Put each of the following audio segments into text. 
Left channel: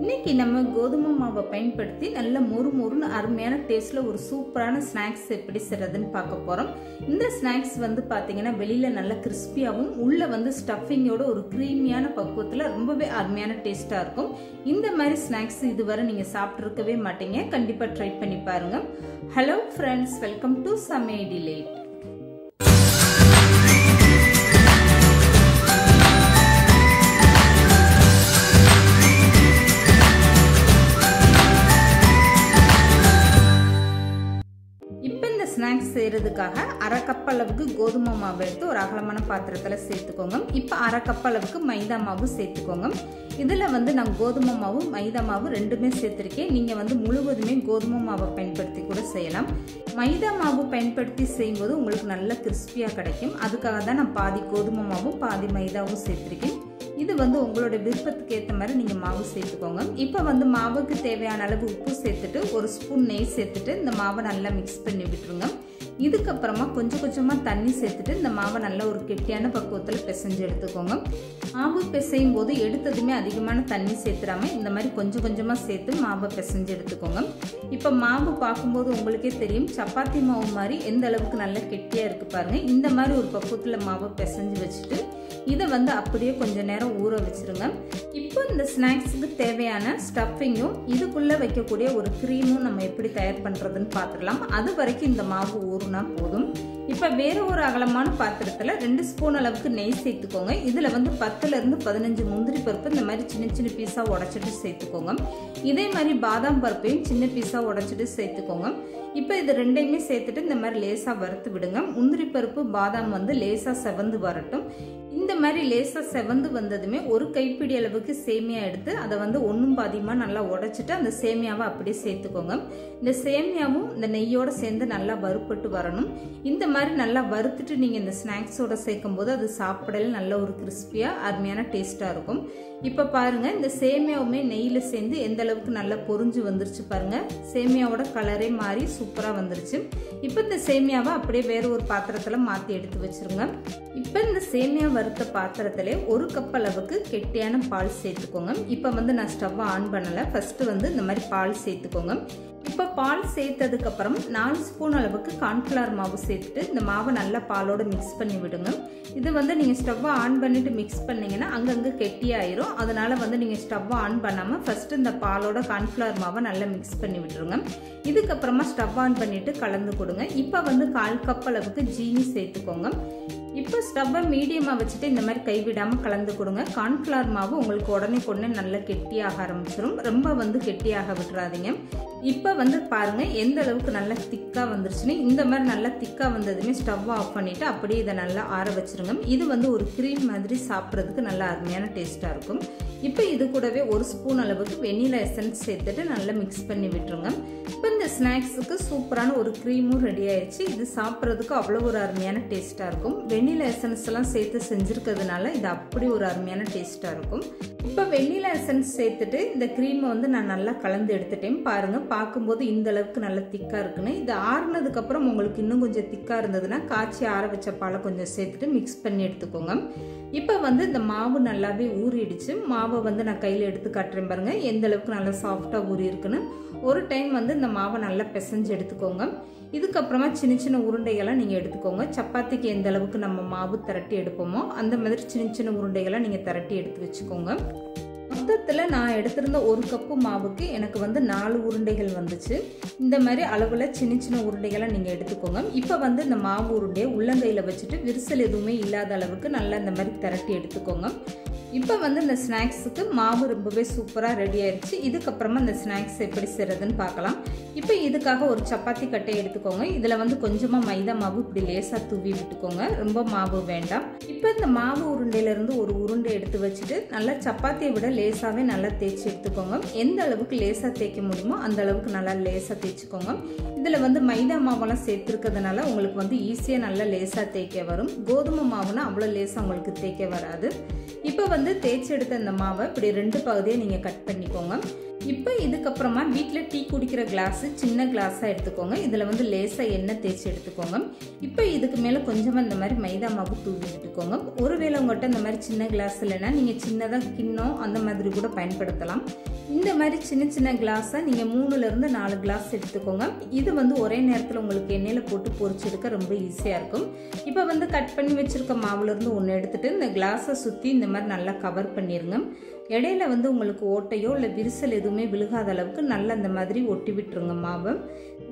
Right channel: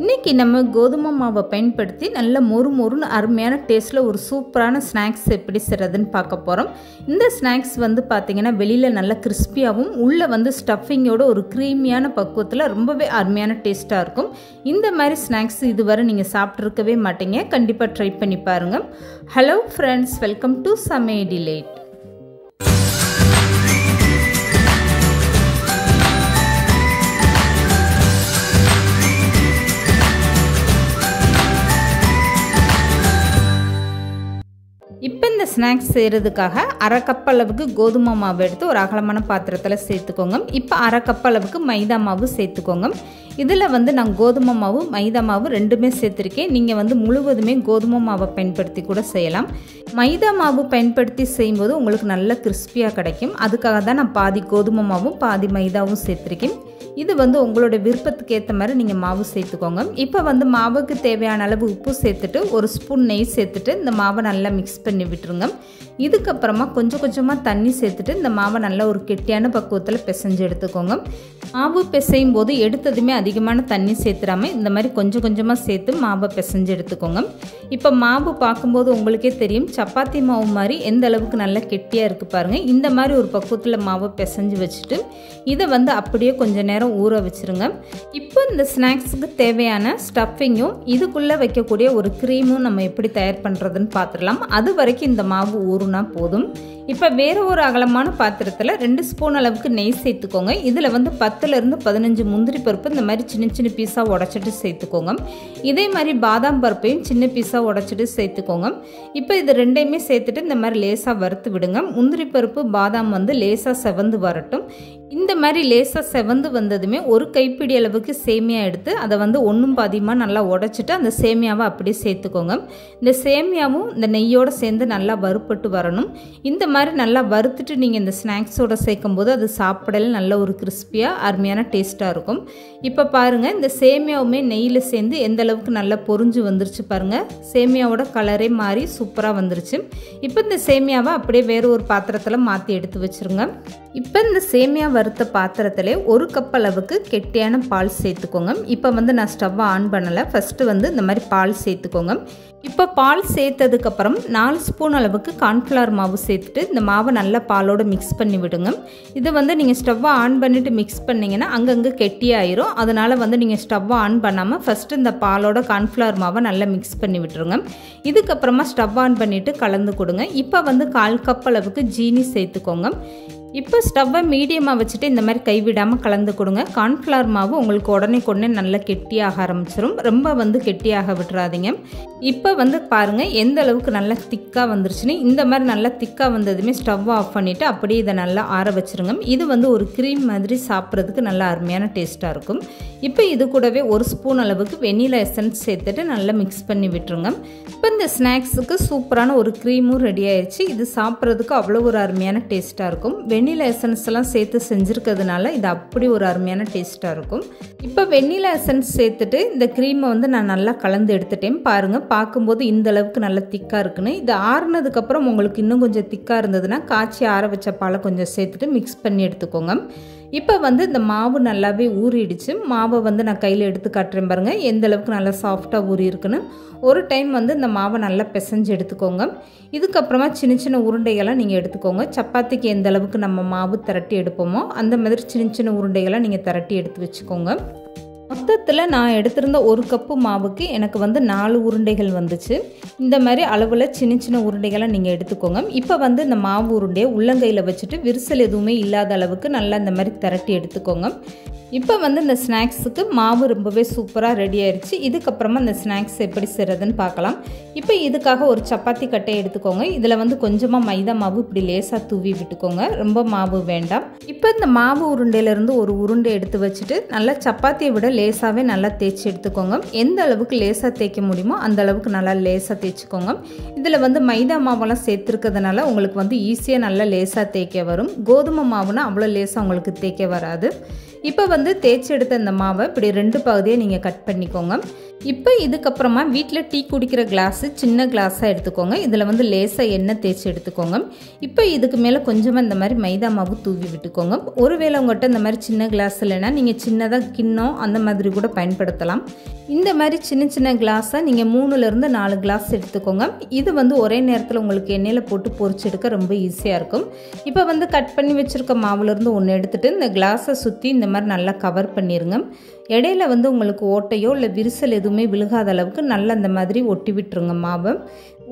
இன்னைக்கு நம்ம கோதுமை மாவை பயன்படுத்தி நல்ல மொறுமொறுன்னு அருமையான டேஸ்ட்டில் ஒரு சூப்பரான ஸ்நாக்ஸ் எப்படி செய்கிறதுன்னு பார்க்க போகிறோம். இந்த ஸ்நாக்ஸ் வந்து பார்த்திங்கன்னா வெளியில் நல்ல கிறிஸ்பியாகவும் உள்ளே ஸ்டஃபிங்கோட ஒரு க்ரீமியான பக்குவத்தில் ரொம்பவே அருமையான டேஸ்ட்டாக இருக்கும். இந்த மாதிரி ஸ்நாக்ஸ் இதுவரை நீங்கள் சாப்பிட்ருக்கவே மாட்டீங்க. கண்டிப்பாக ட்ரை பண்ணி பாருங்கள். ஹலோ ஃப்ரெண்ட்ஸ், வெல்கம் டு சமையல் டிலைட். இப்போ இந்த ஸ்நாக்ஸ் செய்கிறதுக்காக அரை கப் அளவுக்கு கோதுமை மாவு எடுத்து ஒரு அகலமான பாத்திரத்தில் சேர்த்துக்கோங்க. இப்போ அரை கப் அளவுக்கு மைதா மாவு சேர்த்துக்கோங்க. இதில் நான் கோதுமை மாவு மைதா மாவு ரெண்டுமே சேர்த்துருக்கேன். நீங்கள் முழுவதுமே கோதுமை மாவை பயன்படுத்தி கூட செய்யலாம். மைதா மாவு பயன்படுத்தி செய்யும்போது உங்களுக்கு நல்ல கிறிஸ்பியாக கிடைக்கும். அதுக்காக தான் நான் பாதி கோதுமை மாவும் பாதி மைதாவும் சேர்த்துருக்கேன். இது உங்களோட விருப்பத்துக்கு ஏற்ற மாதிரி நீங்கள் மாவு சேர்த்துக்கோங்க. இப்போ மாவுக்கு தேவையான அளவு உப்பு சேர்த்துட்டு ஒரு ஸ்பூன் நெய் சேர்த்துட்டு இந்த மாவை நல்லா மிக்ஸ் பண்ணி விட்டுருங்க. இதுக்கப்புறமா கொஞ்சம் கொஞ்சமாக தண்ணி சேர்த்துட்டு இந்த மாவை நல்லா ஒரு கெட்டியான பக்குவத்தில் பிசைஞ்சு எடுத்துக்கோங்க. மாவு பிசையும் போது எடுத்ததுமே அதிகமான தண்ணி சேர்த்துடாமல் இந்த மாதிரி கொஞ்சம் கொஞ்சமாக சேர்த்து மாவை பிசைஞ்சு எடுத்துக்கோங்க. இப்போ மாவு பார்க்கும்போது உங்களுக்கே தெரியும், சப்பாத்தி மாவு மாதிரி எந்த அளவுக்கு நல்லா கெட்டியாக இருக்குது பாருங்கள். இந்த மாதிரி ஒரு பக்குவத்தில் மாவை பிசைஞ்சு வச்சுட்டு இதை அப்படியே கொஞ்சம் நேரம் ஊற வச்சுருங்க. இப்போ இந்த ஸ்நாக்ஸுக்கு தேவையான ஸ்டஃபிங்கும் இதுக்குள்ளே வைக்கக்கூடிய ஒரு க்ரீமும் நம்ம எப்படி தயார் பண்ணுறதுன்னு பார்த்துடலாம். அது வரைக்கும் இந்த மாவு ஊறுனா போதும். இப்போ வேறு ஒரு அகலமான பாத்திரத்தில் 2 ஸ்பூன் அளவுக்கு நெய் சேர்த்துக்கோங்க. இதில் 10லேருந்து 15 முந்திரி பருப்பு இந்த மாதிரி சின்ன சின்ன பீஸாக உடச்சிட்டு சேர்த்துக்கோங்க. இதே மாதிரி பாதாம் பருப்பையும் சின்ன பீஸாக உடச்சிட்டு சேர்த்துக்கோங்க. இப்போ இது ரெண்டையுமே சேர்த்துட்டு இந்த மாதிரி லேசாக வறுத்து விடுங்க. முந்திரி பருப்பு பாதாம் லேசாக செவந்து வரட்டும். இந்த மாதிரி லேசாக செவந்து வந்ததுமே ஒரு கைப்பிடி அளவுக்கு சேமியா எடுத்து அதை ஒன்றும் பாதியமாக நல்லா உடச்சிட்டு அந்த சேமியாவை அப்படியே சேர்த்துக்கோங்க. இந்த சேமியாவும் இந்த நெய்யோடு சேர்ந்து நல்லா வறுப்பட்டு வரணும். இந்த மாதிரி நல்லா வறுத்துட்டு நீங்கள் இந்த ஸ்நாக்ஸோடு சேர்க்கும் போது அது சாப்பிடல நல்ல ஒரு கிறிஸ்பியாக அருமையான டேஸ்ட்டாக இருக்கும். இப்போ பாருங்கள், இந்த சேமியாவுமே நெய்யில் சேர்ந்து எந்த அளவுக்கு நல்லா பொரிஞ்சு வந்துருச்சு பாருங்கள். சேமியாவோட கலரே மாறி சூப்பராக வந்துருச்சு. இப்போ இந்த சேமியாவை அப்படியே வேறு ஒரு பாத்திரத்தில் மாற்றி எடுத்து வச்சுருங்க. இப்போ இந்த சேமியா வறுத்த பாத்திரத்தில் 1 கப் அளவுக்கு கெட்டியான பால் சேர்த்துக்கோங்க. இப்போ நான் ஸ்டவ்வை ஆன் பண்ணலை. ஃபஸ்ட்டு இந்த மாதிரி பால் சேர்த்துக்கோங்க. இப்போ பால் சேர்த்ததுக்கப்புறம் 4 ஸ்பூன் அளவுக்கு கார்ன்ஃப்ளவர் மாவு சேர்த்துட்டு இந்த மாவை நல்லா பாலோடு மிக்ஸ் பண்ணி விடுங்க. இது நீங்கள் ஸ்டவ்வை ஆன் பண்ணிவிட்டு மிக்ஸ் பண்ணிங்கன்னா அங்கங்கே கெட்டியாயிரும். அதனால் நீங்கள் ஸ்டவ்வை ஆன் பண்ணாமல் ஃபஸ்ட்டு இந்த பாலோட கார்ன்ஃப்ளவர் மாவை நல்லா மிக்ஸ் பண்ணி விட்டுருங்க. இதுக்கப்புறமா ஸ்டவ் ஆன் பண்ணிவிட்டு கலந்து கொடுங்க. இப்போ 1/4 கப் அளவுக்கு ஜீனி சேர்த்துக்கோங்க. இப்போ ஸ்டவ்வை மீடியமாக வச்சுட்டு இந்த மாதிரி கைவிடாமல் கலந்து கொடுங்க. கார்ன்ஃப்ளவர் மாவு உங்களுக்கு உடனே நல்லா கெட்டியாக ஆரம்பிச்சிடும். ரொம்ப கெட்டியாக விட்டுறாதீங்க. இப்போ பாருங்கள் எந்த அளவுக்கு நல்லா திக்காக வந்துருச்சுன்னு. இந்த மாதிரி நல்லா திக்காக வந்ததுமே ஸ்டவ்வை ஆஃப் பண்ணிவிட்டு அப்படியே இதை நல்லா ஆற வச்சுருங்க. இது ஒரு க்ரீம் மாதிரி சாப்பிட்றதுக்கு நல்லா அருமையான டேஸ்ட்டாக இருக்கும். இப்போ இது கூடவே 1 ஸ்பூன் அளவுக்கு வெனிலா எசன்ஸ் சேர்த்துட்டு நல்லா மிக்ஸ் பண்ணி விட்டுருங்க. இப்போ இந்த ஸ்நாக்ஸுக்கு சூப்பரான ஒரு க்ரீமும் ரெடி ஆயிடுச்சு. இது சாப்பிட்றதுக்கு அவ்வளோ ஒரு அருமையான டேஸ்ட்டாக இருக்கும். வெண்ணிலா எசன்ஸ் எல்லாம் சேர்த்து செஞ்சுருக்கிறதுனால இது அப்படி ஒரு அருமையான டேஸ்ட்டாக இருக்கும். இப்போ வெண்ணிலா எசன்ஸ் சேர்த்துட்டு இந்த க்ரீமை நான் நல்லா கலந்து எடுத்துட்டேன். பாருங்கள், பார்க்கும்போது இந்த அளவுக்கு நல்லா திக்காக இருக்குன்னு. இது ஆறுனதுக்கப்புறம் உங்களுக்கு இன்னும் கொஞ்சம் திக்காக இருந்ததுன்னா காய்ச்சி ஆற வச்ச பாலை கொஞ்சம் சேர்த்துட்டு மிக்ஸ் பண்ணி எடுத்துக்கோங்க. இப்போ இந்த மாவு நல்லாவே ஊறிடுச்சு. மாவை நான் கையில் எடுத்து காட்டுறேன் பாருங்கள் எந்த அளவுக்கு நல்லா சாஃப்டாக ஊறி இருக்குன்னு. ஒரு டைம் இந்த மாவை நல்லா பிசைஞ்சு எடுத்துக்கோங்க. இதுக்கப்புறமா சின்ன சின்ன உருண்டைகளாக நீங்கள் எடுத்துக்கோங்க. சப்பாத்திக்கு எந்த அளவுக்கு நம்ம மாவு திரட்டி எடுப்போமோ அந்த மாதிரி சின்ன சின்ன உருண்டைகளாக நீங்கள் திரட்டி எடுத்து வச்சுக்கோங்க. மொத்தத்தில் நான் எடுத்திருந்த 1 கப்பு மாவுக்கு எனக்கு 4 உருண்டைகள் வந்துச்சு. இந்த மாதிரி அளவில் சின்ன சின்ன உருண்டைகளை நீங்கள் எடுத்துக்கோங்க. இப்போ இந்த மாவு உருண்டையை உள்ளங்கையில் வச்சுட்டு விரிசல் எதுவுமே இல்லாத அளவுக்கு நல்லா இந்த மாதிரி திரட்டி எடுத்துக்கோங்க. இப்போ இந்த ஸ்நாக்ஸுக்கு மாவு ரொம்பவே சூப்பராக ரெடி ஆயிடுச்சு. இதுக்கப்புறமா இந்த ஸ்நாக்ஸ் எப்படி செய்கிறதுன்னு பார்க்கலாம். இப்போ இதுக்காக ஒரு சப்பாத்தி கட்டை எடுத்துக்கோங்க. இதில் கொஞ்சமாக மைதா மாவு இப்படி லேசாக தூவி விட்டுக்கோங்க. ரொம்ப மாவு வேண்டாம். இப்போ இந்த மாவு உருண்டையிலேருந்து ஒரு உருண்டை எடுத்து வச்சுட்டு நல்லா சப்பாத்தியை விட லேசாகவே நல்லா தேய்ச்சி எடுத்துக்கோங்க. எந்த அளவுக்கு லேசாக தேய்க்க முடியுமோ அந்த அளவுக்கு நல்லா லேசாக தேய்ச்சிக்கோங்க. இதில் மைதா மாவெல்லாம் சேர்த்துருக்கிறதுனால உங்களுக்கு ஈஸியாக நல்லா லேசாக தேய்க்க வரும். கோதுமை மாவுனா அவ்வளோ லேசாக உங்களுக்கு தேய்க்க வராது. இப்போ வந்து தேய்ச்சி எடுத்த இந்த மாவை இப்படி 2 பகுதியாக நீங்கள் கட் பண்ணிக்கோங்க. இப்போ இதுக்கப்புறமா வீட்டில் டீ குடிக்கிற கிளாஸு சின்ன கிளாஸாக எடுத்துக்கோங்க. இதில் வந்து லேசாக எண்ணெய் தேய்ச்சி எடுத்துக்கோங்க. இப்போ இதுக்கு மேலே கொஞ்சமாக இந்த மாதிரி மைதா மாவு தூவி விட்டுக்கோங்க. ஒருவேளை உங்கள்கிட்ட இந்த மாதிரி சின்ன கிளாஸ் இல்லைன்னா நீங்கள் சின்னதாக கிண்ணம் அந்த மாதிரி கூட பயன்படுத்தலாம். இந்த மாதிரி சின்ன சின்ன கிளாஸாக நீங்கள் 3லேருந்து 4 கிளாஸ் எடுத்துக்கோங்க. இது வந்து ஒரே நேரத்தில் உங்களுக்கு எண்ணெயில் போட்டு பொரிச்செடுக்க ரொம்ப ஈஸியாக இருக்கும். இப்போ வந்து கட் பண்ணி வச்சுருக்க மாவுலேருந்து ஒன்று எடுத்துகிட்டு இந்த கிளாஸை சுற்றி இந்த மாதிரி நல்லா கவர் பண்ணிடுங்க. இடையில வந்து உங்களுக்கு ஓட்டையோ இல்லை விரிசல் எதுவுமே விழுகாத அளவுக்கு நல்லா இந்த மாதிரி ஒட்டி விட்டுருங்க மாவை.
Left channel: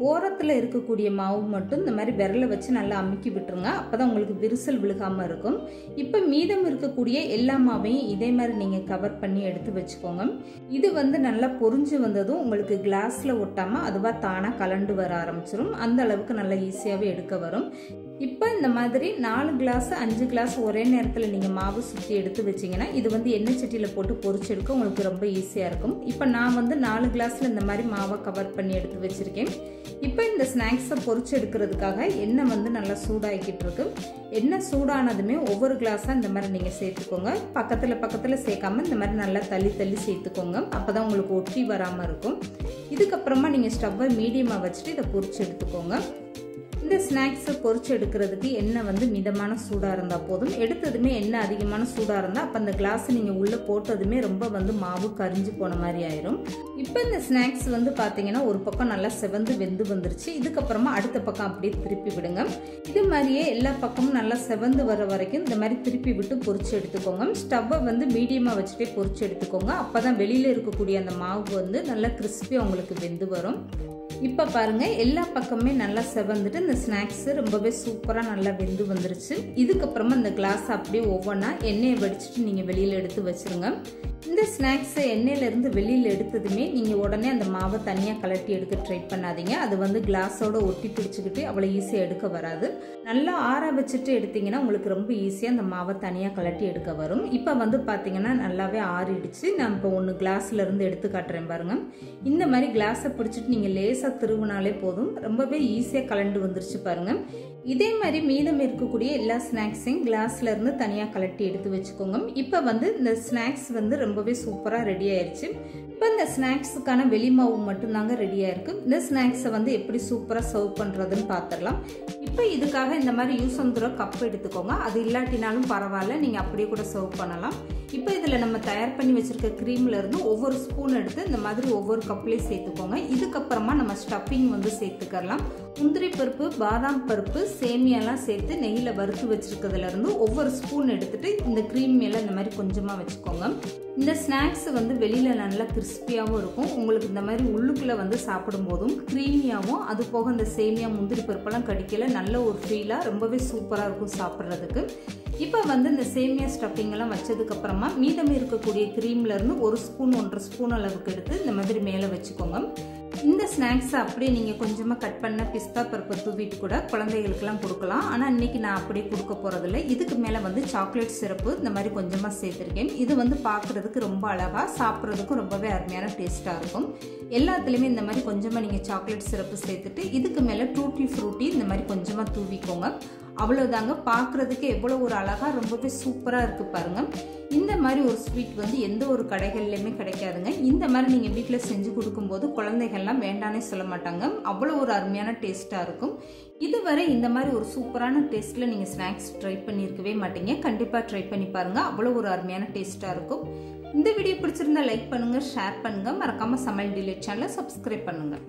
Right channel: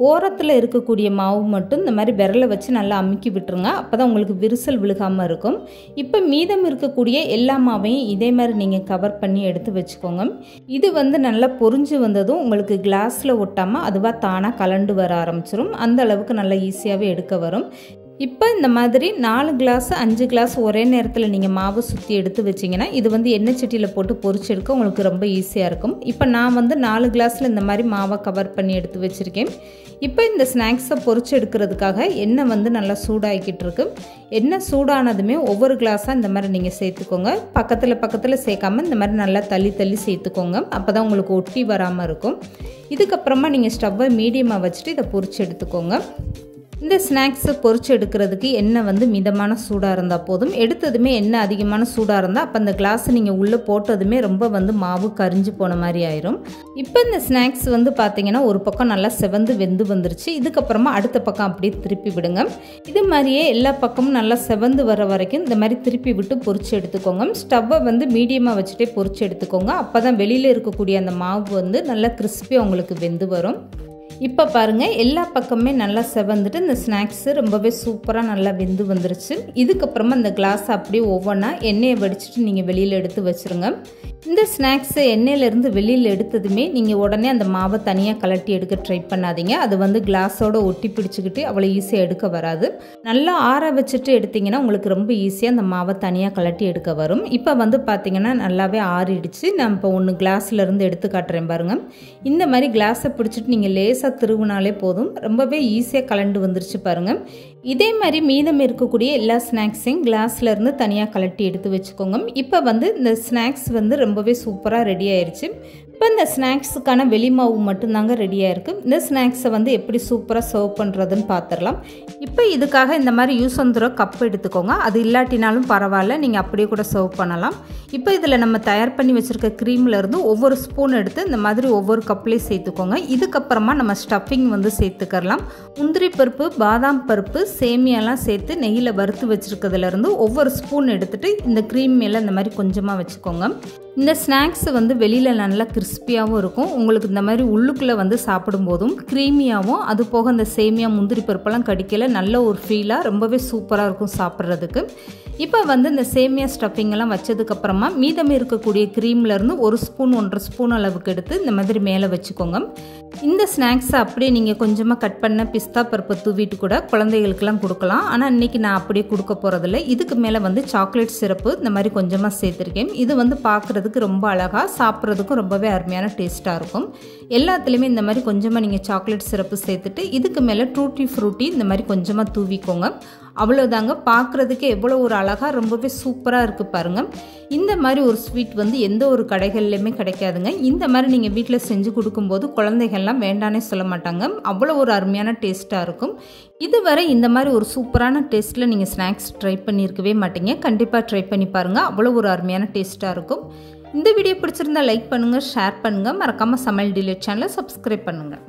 ஓரத்தில் இருக்கக்கூடிய மாவு மட்டும் இந்த மாதிரி விரலை வச்சு நல்லா அமுக்கி விட்டுருங்க. அப்போ தான் உங்களுக்கு விரிசல் விழுகாமல் இருக்கும். இப்போ மீதம் இருக்கக்கூடிய எல்லா மாவையும் இதே மாதிரி நீங்கள் கவர் பண்ணி எடுத்து வச்சுக்கோங்க. இது வந்து நல்லா பொரிஞ்சு வந்ததும் உங்களுக்கு கிளாஸில் ஒட்டாமல் அதுவாக தானாக கலண்டு வர ஆரம்பிச்சிடும். அந்த அளவுக்கு நல்லா ஈஸியாகவே எடுக்க வரும். இப்போ இந்த மாதிரி 4 கிளாஸ் 5 கிளாஸ் ஒரே நேரத்தில் நீங்கள் மாவு சுற்றி எடுத்து வச்சிங்கன்னா இது வந்து எண்ணெய் சட்டியில் போட்டு பொரிச்சு எடுக்க உங்களுக்கு ரொம்ப ஈஸியாக இருக்கும். இப்போ நான் வந்து 4 கிளாஸில் இந்த மாதிரி மாவை கவர் பண்ணி எடுத்து வச்சுருக்கேன். இப்போ இந்த ஸ்நாக்ஸை பொரிச்சு எடுக்கிறதுக்காக எண்ணெய் வந்து நல்லா சூடாகிக்கிட்டு இருக்கு. எண்ணெய் சூடானதுமே ஒவ்வொரு கிளாஸாக இந்த மாதிரி நீங்கள் சேர்த்துக்கோங்க. பக்கத்தில் சேர்க்காமல் இந்த மாதிரி நல்லா தள்ளி சேர்த்துக்கோங்க. அப்போ தான் உங்களுக்கு ஒட்டி வராமல் இருக்கும். இதுக்கப்புறமா நீங்கள் ஸ்டவ்வை மீடியமாக வச்சுட்டு இதை பொரிச்சு எடுத்துக்கோங்க. இந்த ஸ்நாக்ஸை பொரிச்சு எடுக்கிறதுக்கு எண்ணெய் வந்து மிதமான சூடாக இருந்தால் போதும். எடுத்ததுமே எண்ணெய் அதிகமான சூடாக இருந்தால் அப்போ அந்த கிளாஸை நீங்கள் உள்ளே போட்டதுமே ரொம்ப வந்து மாவு கரிஞ்சு போன மாதிரி ஆயிரும். இப்போ இந்த ஸ்நாக்ஸ் வந்து பார்த்தீங்கன்னா ஒரு பக்கம் நல்லா செவந்து வெந்து வந்துருச்சு. இதுக்கப்புறமா அடுத்த பக்கம் அப்படியே திருப்பி விடுங்க. இது மாதிரியே எல்லா பக்கமும் நல்லா செவந்து வர வரைக்கும் இந்த மாதிரி திருப்பி விட்டு பொரிச்சு எடுத்துக்கோங்க. ஸ்டவ்வை வந்து மீடியமாக வச்சுட்டே பொரிச்சு எடுத்துக்கோங்க. அப்போ தான் வெளியில் இருக்கக்கூடிய அந்த மாவு வந்து நல்லா கிறிஸ்பியாக உங்களுக்கு வெந்து வரும். இப்போ பாருங்கள் எல்லா பக்கமே நல்லா செவந்துட்டு இந்த ஸ்நாக்ஸு ரொம்பவே சூப்பராக நல்லா வெந்து வந்துருச்சு. இதுக்கப்புறமா இந்த கிளாஸ் அப்படியே ஒவ்வொன்றா எண்ணெயை வடிச்சிட்டு நீங்கள் வெளியில் எடுத்து வச்சுருங்க. இந்த ஸ்நாக்ஸை எண்ணெயிலேருந்து வெளியில் எடுத்ததுமே நீங்கள் உடனே அந்த மாவை தனியாக கலட்டி எடுக்க ட்ரை பண்ணாதீங்க. அது வந்து கிளாஸோடு ஒட்டி பிடிச்சிக்கிட்டு அவ்வளோ ஈஸியாக எடுக்க வராது. நல்லா ஆற வச்சுட்டு எடுத்திங்கன்னா உங்களுக்கு ரொம்ப ஈஸியாக அந்த மாவை தனியாக கலட்டி எடுக்க வரும். இப்போ வந்து பார்த்திங்கன்னா நல்லாவே ஆறிடுச்சு. நான் இப்போ ஒன்று கிளாஸ்லேருந்து எடுத்து காட்டுறேன் பாருங்கள். இந்த மாதிரி கிளாஸை பிடிச்சிட்டு நீங்கள் லேசாக திருவினாலே போதும். ரொம்பவே ஈஸியாக கலண்டு வந்துருச்சு பாருங்கள். இதே மாதிரி மீதம் இருக்கக்கூடிய எல்லா ஸ்நாக்ஸையும் கிளாஸ்ல இருந்து தனியாக கலட்டி எடுத்து வச்சுக்கோங்க. இப்போ வந்து இந்த ஸ்நாக்ஸ் வந்து ரொம்பவே சூப்பராக ரெடி ஆயிடுச்சு. இப்போ இந்த ஸ்நாக்ஸுக்கான வெளிமாவு மட்டும்தாங்க ரெடியாக இருக்குது. இந்த ஸ்நாக்ஸை வந்து எப்படி சூப்பராக சர்வ் பண்ணுறதுன்னு பார்த்துடலாம். இப்போ இதுக்காக இந்த மாதிரி யூஸ் வந்துற கப் எடுத்துக்கோங்க. அது இல்லாட்டினாலும் பரவாயில்ல, நீங்கள் அப்படியே கூட சர்வ் பண்ணலாம். இப்போ இதில் நம்ம தயார் பண்ணி வச்சுருக்க க்ரீம்லேருந்து ஒவ்வொரு ஸ்பூன் எடுத்து இந்த மாதிரி ஒவ்வொரு கப்லேயும் சேர்த்துக்கோங்க. இதுக்கப்புறமா நம்ம ஸ்டஃபிங் வந்து சேர்த்துக்கலாம். முந்திரி பருப்பு, பாதாம் பருப்பு, சேமியாலாம் சேர்த்து நெய்யில் வறுத்து வச்சுருக்கிறதுலேருந்து ஒவ்வொரு ஸ்பூன் எடுத்துகிட்டு இந்த க்ரீம் மேலே இந்த மாதிரி கொஞ்சமாக வச்சுக்கோங்க. இந்த ஸ்நாக்ஸ் வந்து வெளியில் நல்லா கிறிஸ்பியாகவும் இருக்கும். உங்களுக்கு இந்த மாதிரி உள்ளுக்குள்ளே வந்து சாப்பிடும்போதும் க்ரீமியாகவும், அது போக இந்த சேமியா முந்திரி பருப்பெல்லாம் கடிக்கல நல்ல ஒரு ஃபீலாக ரொம்பவே சூப்பராக இருக்கும் சாப்பிட்றதுக்கு. இப்போ வந்து இந்த சேமியா ஸ்டஃபிங்கெல்லாம் வச்சதுக்கப்புறமா மீதம் இருக்கக்கூடிய க்ரீம்லேருந்து 1 ஸ்பூன் 1.5 ஸ்பூன் அளவுக்கு எடுத்து இந்த மாதிரி மேலே வச்சுக்கோங்க. இந்த ஸ்நாக்ஸை அப்படியே நீங்கள் கொஞ்சமாக கட் பண்ண பிஸ்தா பருப்பை தூவிட்டு கூட குழந்தைகளுக்கெல்லாம் கொடுக்கலாம். ஆனால் இன்றைக்கி நான் அப்படியே கொடுக்க போகிறதில்ல. இதுக்கு மேலே வந்து சாக்லேட் சிரப்பு இந்த மாதிரி கொஞ்சமாக சேர்த்துருக்கேன். இது வந்து பார்க்குறதுக்கு ரொம்ப அழகாக, சாப்பிட்றதுக்கும் ரொம்பவே அருமையான டேஸ்ட்டாக இருக்கும். எல்லாத்துலேயுமே இந்த மாதிரி கொஞ்சமாக நீங்கள் சாக்லேட் சிரப்பு சேர்த்துட்டு இதுக்கு மேலே டூட்டி ஃப்ரூட்டி இந்த மாதிரி கொஞ்சமாக தூவிக்கோங்க. அவ்வளோதாங்க. பார்க்குறதுக்கு எவ்வளோ ஒரு அழகாக ரொம்பவே சூப்பராக இருக்குது பாருங்கள். இந்த மாதிரி ஒரு ஸ்வீட் வந்து எந்த ஒரு கடைகள்லையுமே கிடைக்காதுங்க. இந்த மாதிரி நீங்கள் வீட்டில் செஞ்சு கொடுக்கும்போது குழந்தைகள்லாம் வேண்டானே சொல்ல மாட்டாங்க. அவ்வளோ ஒரு அருமையான டேஸ்ட்டாக இருக்கும். இதுவரை இந்த மாதிரி ஒரு சூப்பரான டேஸ்ட்டில் நீங்கள் ஸ்நாக்ஸ் ட்ரை பண்ணியிருக்கவே மாட்டீங்க. கண்டிப்பாக ட்ரை பண்ணி பாருங்கள். அவ்வளோ ஒரு அருமையான டேஸ்ட்டாக இருக்கும். இந்த வீடியோ பிடிச்சிருந்தா லைக் பண்ணுங்கள், ஷேர் பண்ணுங்கள். மறக்காமல் சமையல் டிலேட் சேனலை சப்ஸ்கிரைப் பண்ணுங்கள்.